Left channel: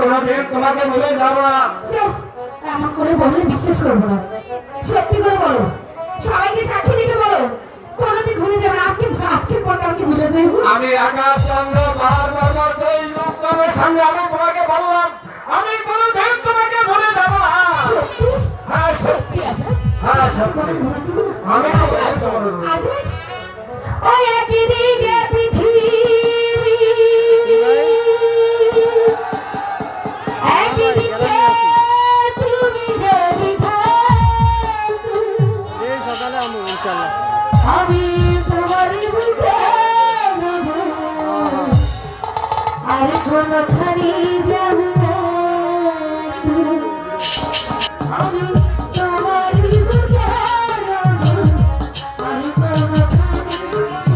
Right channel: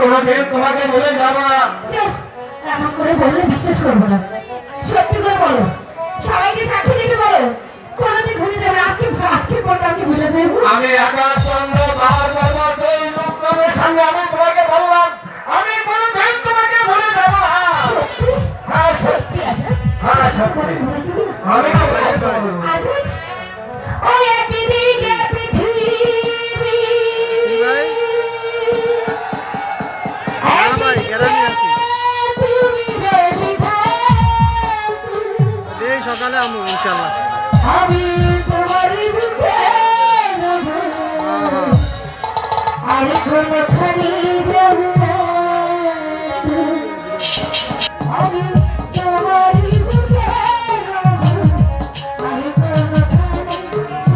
কোনোদিন তোমাকে ভুলে যাব না। এমন করে বললে বিশ্বাস করবো না। সত্যি করে বলো, সবাইকে সাক্ষী দিতে বলো, কোনোদিন ভুলে যাবে না। আজকের পর কাউকে ভুলে যাবো। আমি আকাশ চন্দ্র পাহাড় পর্বত এই লোকজনের সঙ্গে আমি তোমাকে বললাম, আমি কোনোদিন তোমাকে ভুলে যাব না। সত্যি? হ্যাঁ সত্যি আজাদ? হ্যাঁ সত্যি। ভুলে যাবি না? আমি তোমাকে বলবো। আজাদ, ওই একই দিকে পৃথিবী, সকালে আমু ইনশাআল্লাহ। আমি তোমার বুকে আর কোন খানি যাবে না। আমি তোমার বুকে আর কোন খানি যাবে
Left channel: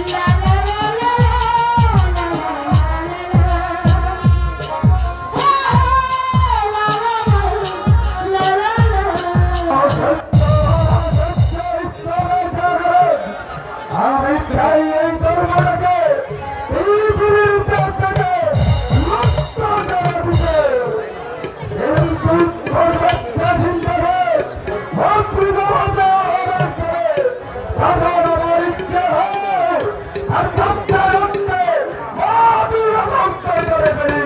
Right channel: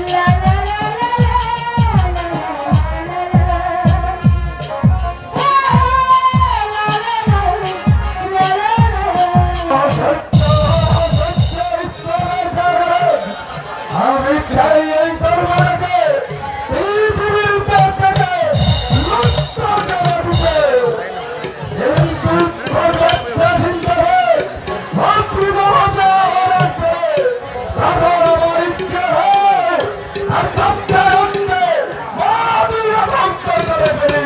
না। লা লা লা আমি চাই এই দরবারকে পৃথিবীর কাছ থেকে মুক্ত করে দিতে। এই দুঃখ হিসাবে মাতৃসমাজে আহ্বান করে আমার আমার ইচ্ছে হয় আর সত্যে সত্যে মাতৃ অবস্থ করে ফেলি।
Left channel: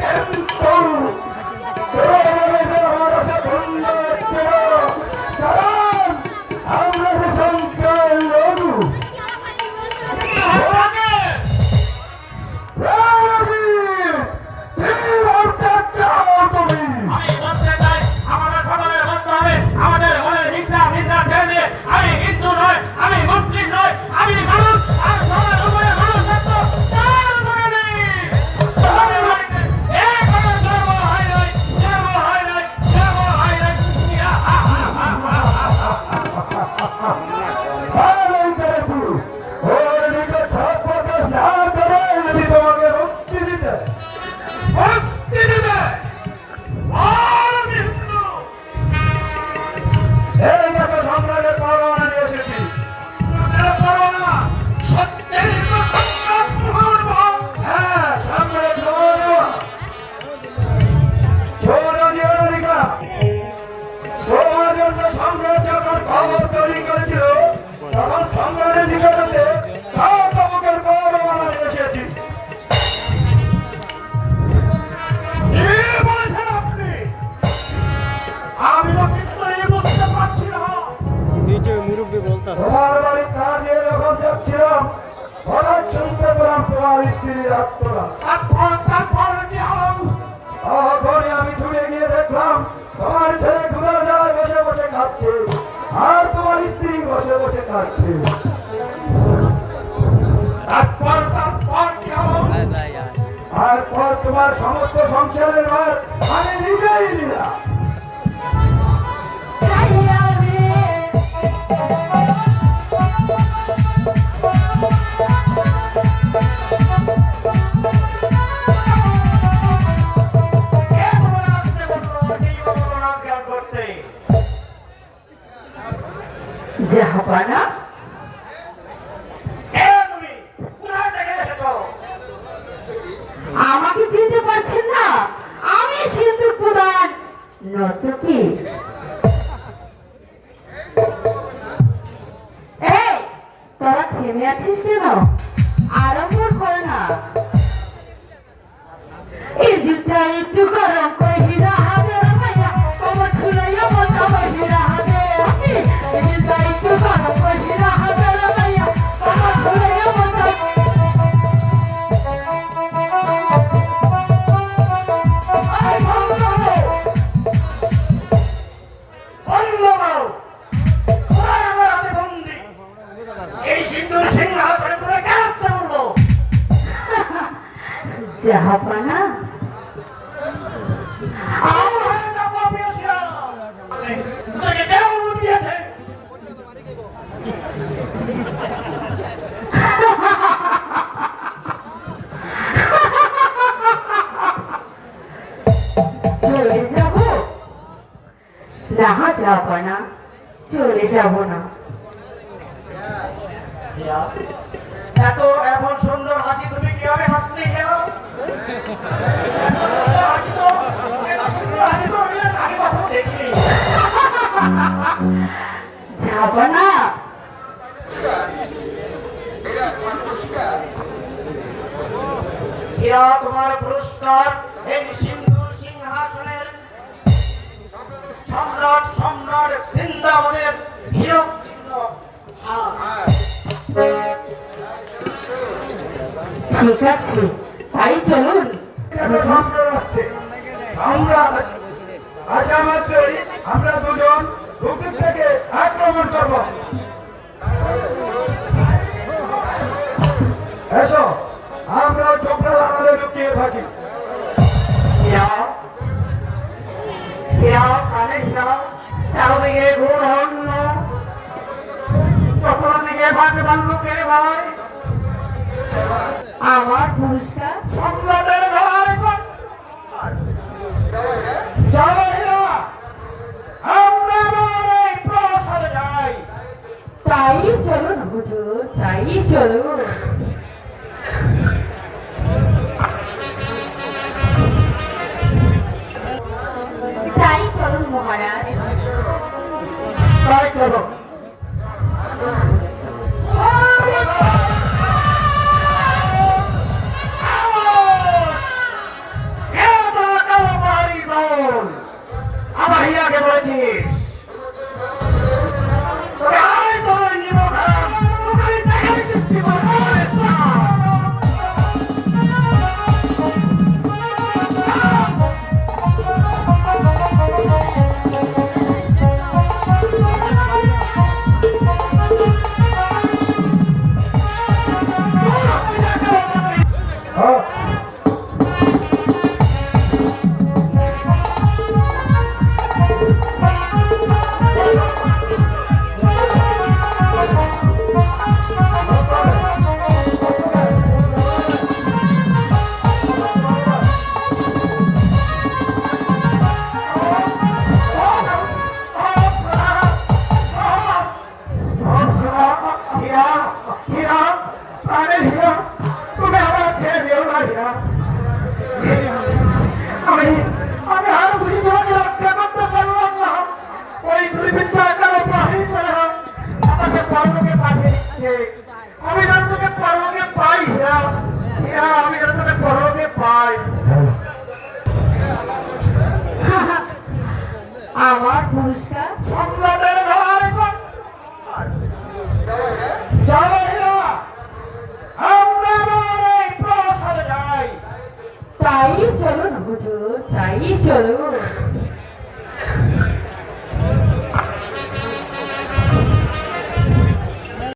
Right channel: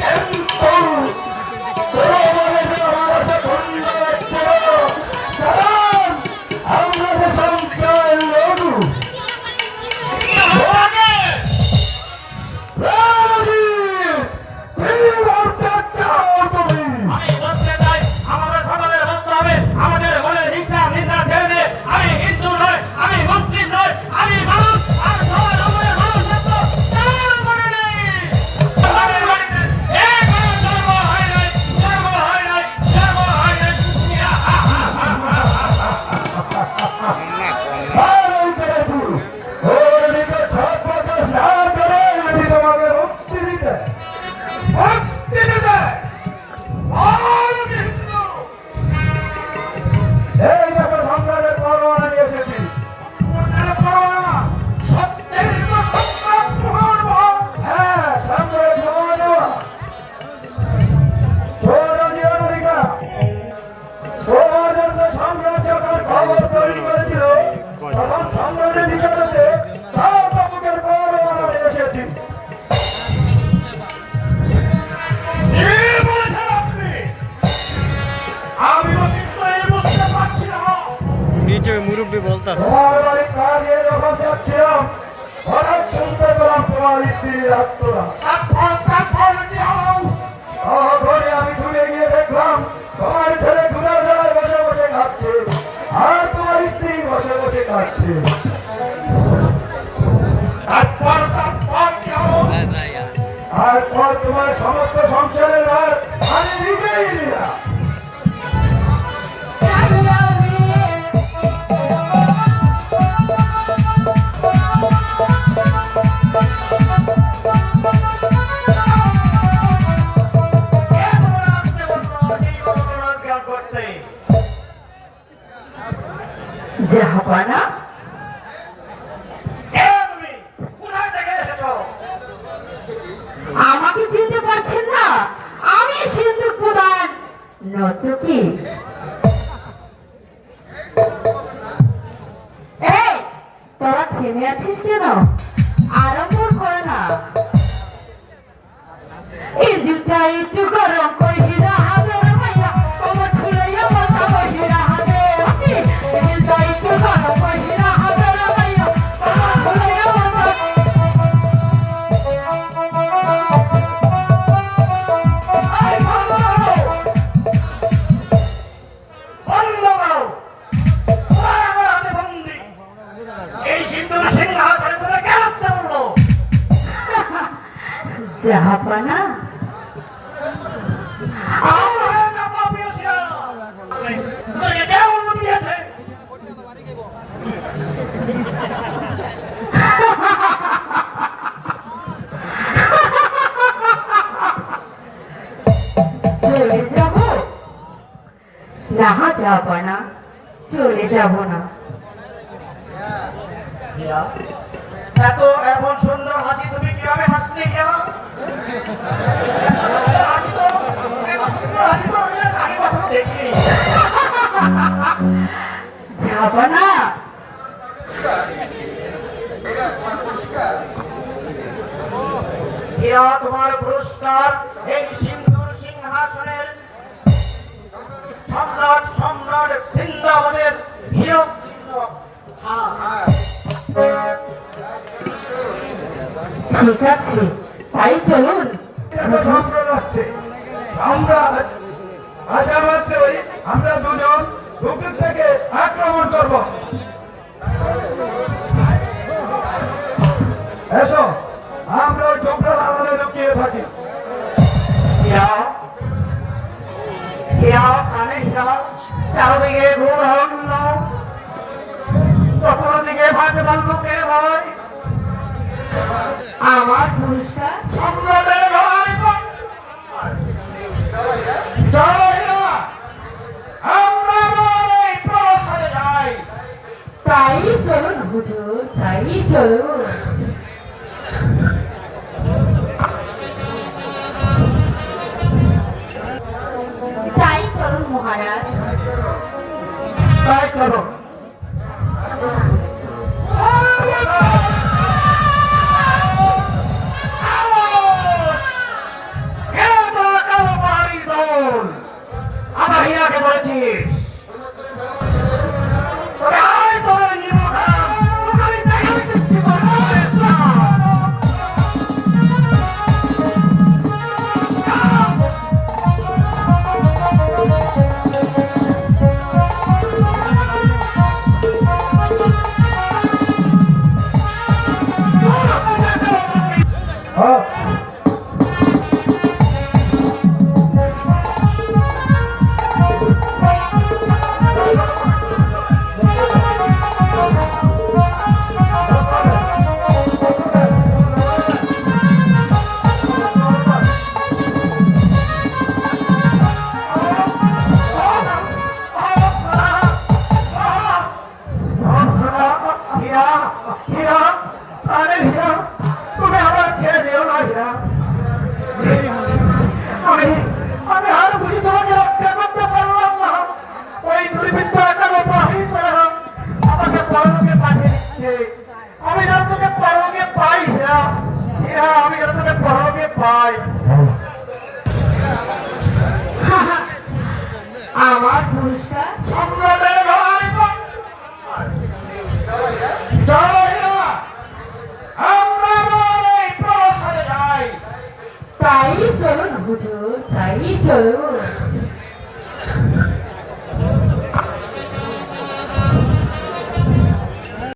কিন্তু তোমাদের আমার আছে খন্ড হচ্ছে না, কারণ আমরা যে সংখ্যায় লড়ু। নিচে মুরব্বী বলতা তোমার বাড়ি পা দিয়ে যখন যাচ্ছিলাম হঠাৎ শুনতে পেলাম তোমার স্ত্রীর আত্মরা। তখনই আমি ছুটে গিয়ে দেখলাম তোমার ছেলে ক্ষুধা যায় বসে বসে খাচ্ছে আর তোমার স্ত্রী বসে বসে খাচ্ছে। তারপর তোমার সমস্ত সংসারের ভার আমি নিজেই নিলাম। জাহাপানা, আমাকে চিনতে পারছেন না? আমি সিন্ধুক প্রধান নর্তকী। এই তোরা থেমে আছিস কেন? আরম্ভ কর না। এই দিকটা একটু গরম করি না হবে ভাইয়া, তোমার ছুঁড়াইয়া কথা বলি না হবে। এই দিকটা একটু গরম করি না হবে ভাইয়া, তোমার ছুঁড়াইয়া কথা। জাহাপানা, চলে যাব না? জাহাপানা, চলে যাব না। এত এমন সুন্দর হাসি তুমি কিভাবে হাসলে কেন? হাসি তো এমন সুন্দর হাসি তো আমি আগে কখনো দেখিনি। যাবো না হীরা তোমার পুরস্কার এই সিন্ধুর সিংহাসনের সম্রাট সম্রাট সিন্দাবাদের হীরোত্তীর্ণ হার। ঠিক আছে তাই চলুন সম্রাট আসছে। সম্রাট আসা মাত্রই আমরা দুজন দক্ষিণ থেকে আক্রমণ করব। এসো আমরা চোপড়ার আড়ালে লুকিয়ে থাকি। চারদিকে ঘোর অন্য, চতুর্দিকে ভাগবান লোকের ভয়। আমার পুরস্কার সম্রাটের ভয় চলো না, আমরা আমাদের প্রাসাদে যাই। তাই চলুন হুজুর তাই চলুন তাই চলুন মহারাজ তাই চলো। আমার হিয়াকে বলেছিস তাই তোর নিমন্ত্রণ। আমি তাকে সৃষ্টি করবো। হীরা, হীরা, প্রাণের হীরা, তুমি আমার ছেড়ে যেও না হীরা। আমি আমি আর বুঝি তোমাকে রক্ষা করতে পারলাম না। ওই দুর্বৃত্ত এখনো বাহির করে আমাকে পরলোকে পাঠিয়ে দিচ্ছে। আমি যেন তোকে পরলোকে পাই হীরা, হীরা, আমি যেন তোকে পরলোকে পাই। আমার পুরস্কার